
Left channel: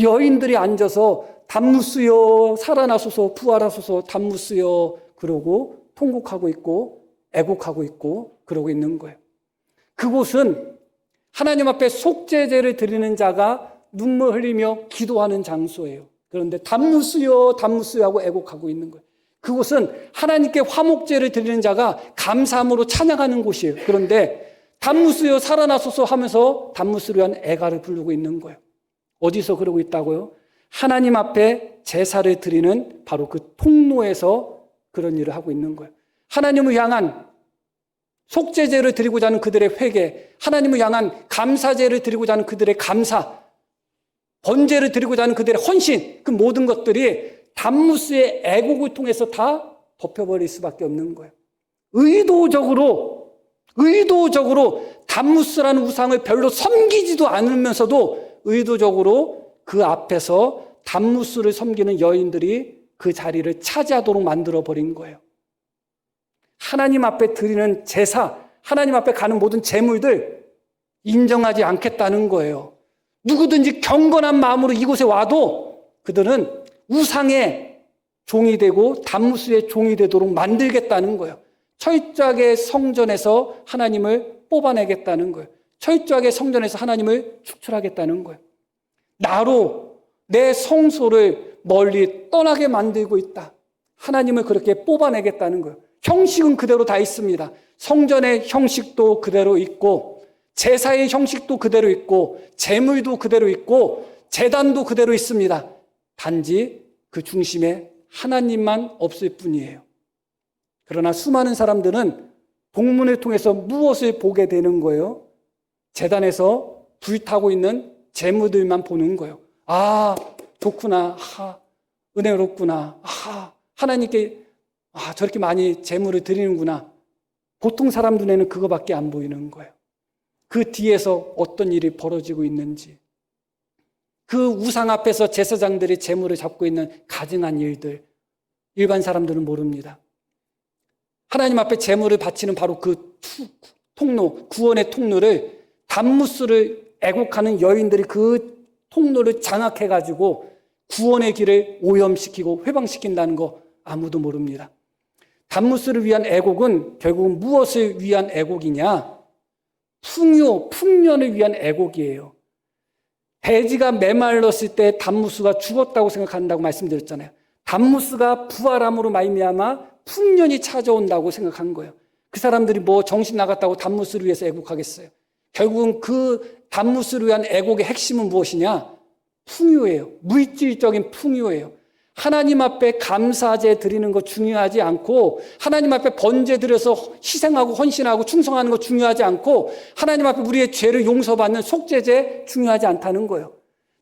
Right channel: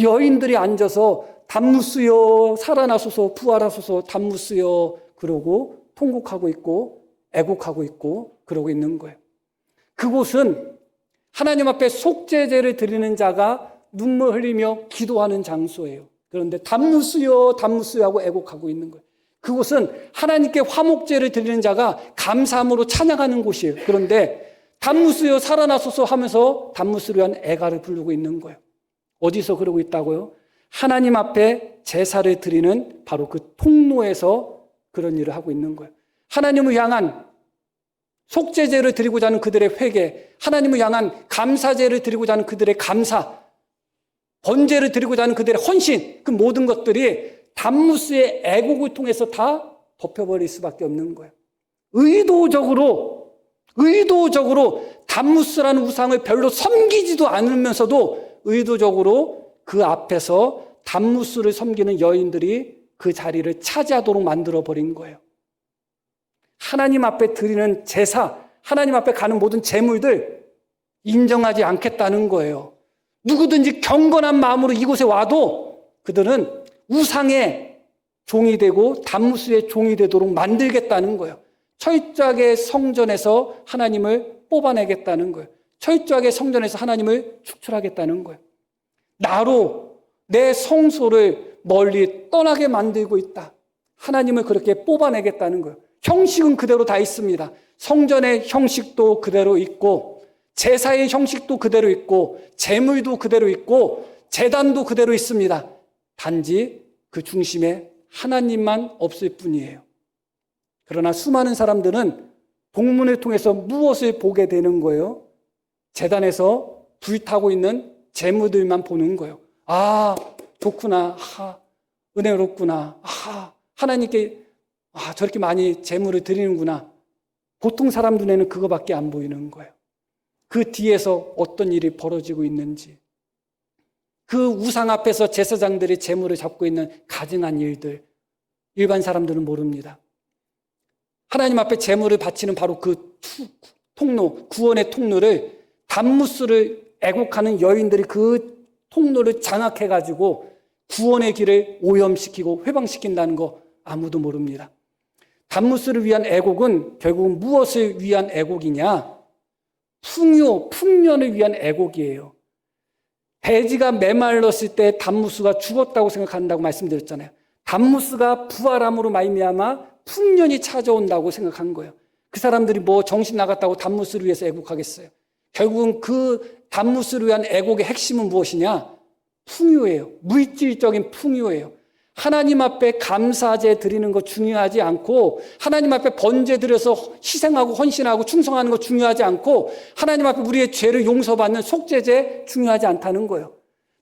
여인들이 앉아서 단무스요, 살아나소서, 부활하소서, 단무스요 그러고 통곡하고 있고 애곡하고 있고 그러고 있는 거예요. 그곳은 하나님 앞에 속죄제를 드리는 자가 눈물 흘리며 기도하는 장소예요. 그런데 단무스요, 단무스요 하고 애곡하고 있는 거예요. 그곳은 하나님께 화목제를 드리는 자가 감사함으로 찬양하는 곳이에요. 그런데 단무스요, 살아나소서 하면서 단무스를 위한 애가를 부르고 있는 거예요. 어디서 그러고 있다고요? 하나님 앞에 제사를 드리는 바로 그 통로에서 그런 일을 하고 있는 거예요. 하나님을 향한 속죄제를 드리고자 하는 그들의 회개, 하나님을 향한 감사제를 드리고자 하는 그들의 감사, 번제를 드리고자 하는 그들의 헌신, 그 모든 것들이 단무스의 애국을 통해서 다 덮여버릴 수밖에 없는 거예요. 의도적으로 단무스라는 우상을 별로 섬기지도 않으면서도 의도적으로 그 앞에서 단무스를 섬기는 여인들이 그 자리를 차지하도록 만들어버린 거예요. 하나님 앞에 드리는 제사, 하나님 앞에 가는 모든 제물들 인정하지 않겠다는 거예요. 누구든지 경건한 마음으로 이곳에 와도 그들은 우상의 종이 되고 단무스의 종이 되도록 만들겠다는 거예요. 철저하게 성전에서 하나님을 뽑아내겠다는 거예요. 철저하게 성전에서 하나님을 축출하겠다는 거예요. 나로 내 성소를 멀리 떠나게 만들고 있다. 하나님을 그렇게 뽑아내겠다는 거예요. 형식은 그대로 다 있습니다. 성전의 형식도 그대로 있고 제사의 형식도 그대로 있고 제물도 그대로 있고 제단도 그대로 있습니다. 단지 그 중심에 하나님만 없을 뿐이에요. 그러나 수많은 사람들은 복문을 통해서 무엇을 보게 되는 거예요? 제단에서 불타고 있는 제물들만 보는 거예요. 아, 좋구나. 은혜롭구나. 하나님께 저렇게 많이 제물을 드리는구나. 보통 사람들 눈에는 그거밖에 안 보이는 거예요. 그 뒤에서 어떤 일이 벌어지고 있는지, 그 우상 앞에서 제사장들이 제물을 잡고 있는 가증한 일들, 일반 사람들은 모릅니다. 하나님 앞에 제물을 바치는 바로 그 통로, 구원의 통로를 단무스를 애곡하는 여인들이 그 통로를 장악해가지고 구원의 길을 오염시키고 회방시킨다는 거 아무도 모릅니다. 단무스를 위한 애곡은 결국 무엇을 위한 애곡이냐? 풍년을 위한 애곡이에요. 돼지가 메말랐을 때 단무스가 죽었다고 생각한다고 말씀드렸잖아요. 단무스가 부활함으로 말미암아 풍년이 찾아온다고 생각한 거예요. 그 사람들이 정신 나갔다고 단무스를 위해서 애곡하겠어요? 결국은 그 단무스를 위한 애곡의 핵심은 무엇이냐? 풍요예요. 물질적인 풍요예요. 하나님 앞에 감사제 드리는 거 중요하지 않고, 하나님 앞에 번제 드려서 희생하고 헌신하고 충성하는 거 중요하지 않고, 하나님 앞에 우리의 죄를 용서받는 속죄제 중요하지 않다는 거예요.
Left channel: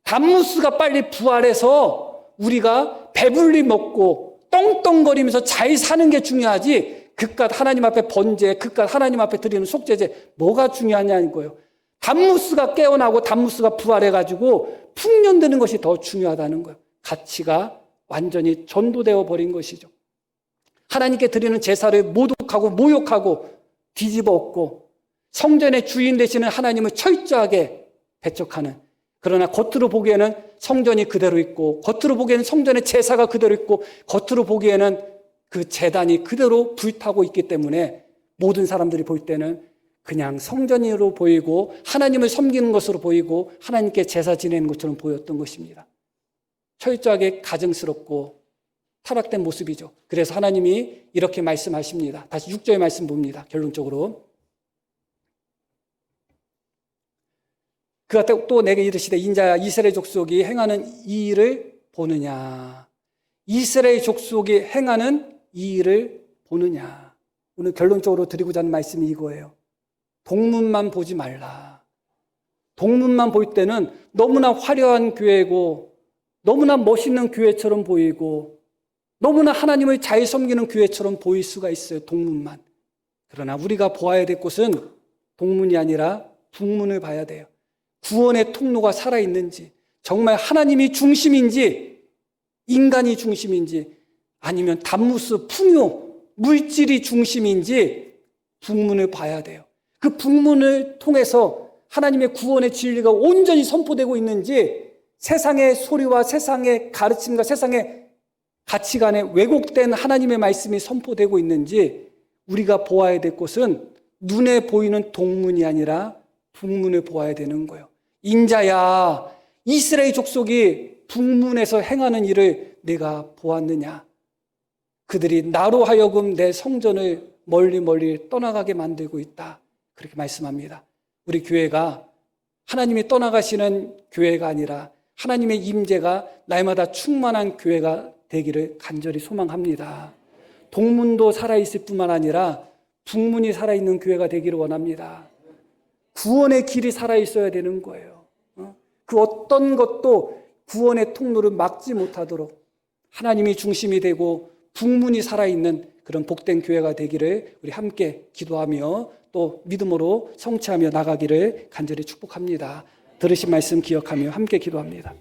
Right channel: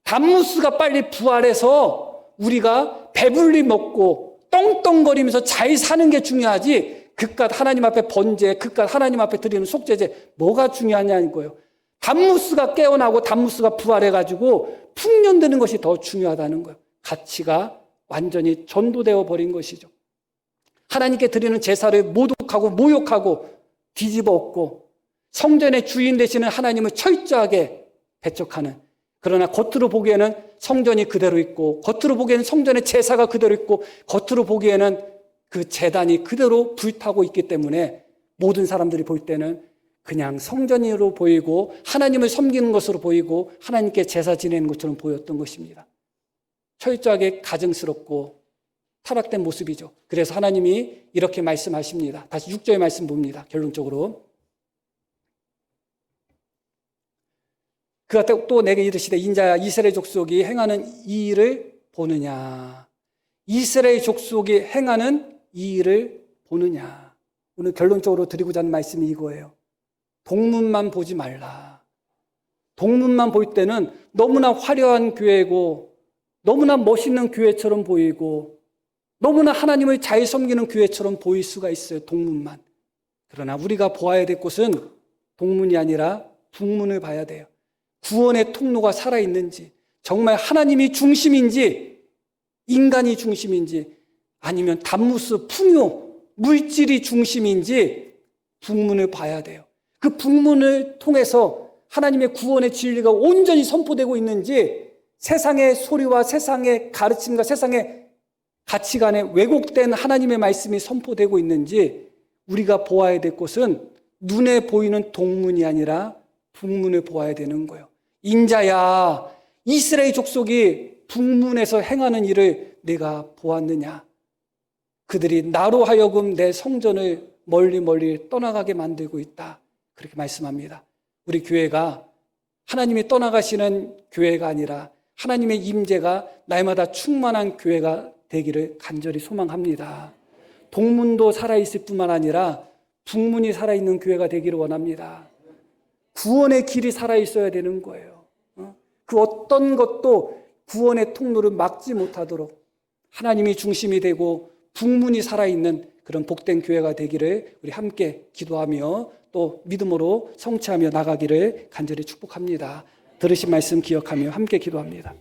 담무스가 빨리 부활해서 우리가 배불리 먹고 떵떵거리면서 잘 사는 게 중요하지, 그깟 하나님 앞에 번제, 그깟 하나님 앞에 드리는 속죄제 뭐가 중요하냐는 거예요. 담무스가 깨어나고 담무스가 부활해가지고 풍년되는 것이 더 중요하다는 거예요. 가치가 완전히 전도되어 버린 것이죠. 하나님께 드리는 제사를 모독하고 모욕하고 뒤집어 엎고 성전의 주인 되시는 하나님을 철저하게 배척하는, 그러나 겉으로 보기에는 성전이 그대로 있고, 겉으로 보기에는 성전의 제사가 그대로 있고, 겉으로 보기에는 그 제단이 그대로 불타고 있기 때문에 모든 사람들이 볼 때는 그냥 성전으로 보이고 하나님을 섬기는 것으로 보이고 하나님께 제사 지내는 것처럼 보였던 것입니다. 철저하게 가증스럽고 타락된 모습이죠. 그래서 하나님이 이렇게 말씀하십니다. 다시 6절 말씀 봅니다. 결론적으로. 그가 또 내게 이르시되 인자야 이스라엘 족속이 행하는 이 일을 보느냐. 이스라엘 족속이 행하는 이 일을 보느냐. 오늘 결론적으로 드리고자 하는 말씀이 이거예요. 동문만 보지 말라. 동문만 볼 때는 너무나 화려한 교회고 너무나 멋있는 교회처럼 보이고 너무나 하나님을 잘 섬기는 교회처럼 보일 수가 있어요. 동문만. 그러나 우리가 보아야 될 곳은 동문이 아니라 북문을 봐야 돼요. 구원의 통로가 살아있는지, 정말 하나님이 중심인지 인간이 중심인지, 아니면 담무스 풍요, 물질이 중심인지 북문을 봐야 돼요. 그 북문을 통해서 하나님의 구원의 진리가 온전히 선포되고 있는지, 세상의 소리와 세상의 가르침과 세상의 가치관에 왜곡된 하나님의 말씀이 선포되고 있는지 우리가 보아야 될 곳은 눈에 보이는 동문이 아니라 북문을 보아야 되는 거예요. 인자야, 이스라엘 족속이 북문에서 행하는 일을 내가 보았느냐. 그들이 나로 하여금 내 성전을 멀리 떠나가게 만들고 있다. 그렇게 말씀합니다. 우리 교회가 하나님이 떠나가시는 교회가 아니라 하나님의 임재가 날마다 충만한 교회가 되기를 간절히 소망합니다. 동문도 살아있을 뿐만 아니라 북문이 살아있는 교회가 되기를 원합니다. 구원의 길이 살아있어야 되는 거예요. 그 어떤 것도 구원의 통로를 막지 못하도록 하나님이 중심이 되고 북문이 살아있는 그런 복된 교회가 되기를 우리 함께 기도하며 또 믿음으로 성취하며 나가기를 간절히 축복합니다. 들으신 말씀 기억하며 함께 기도합니다.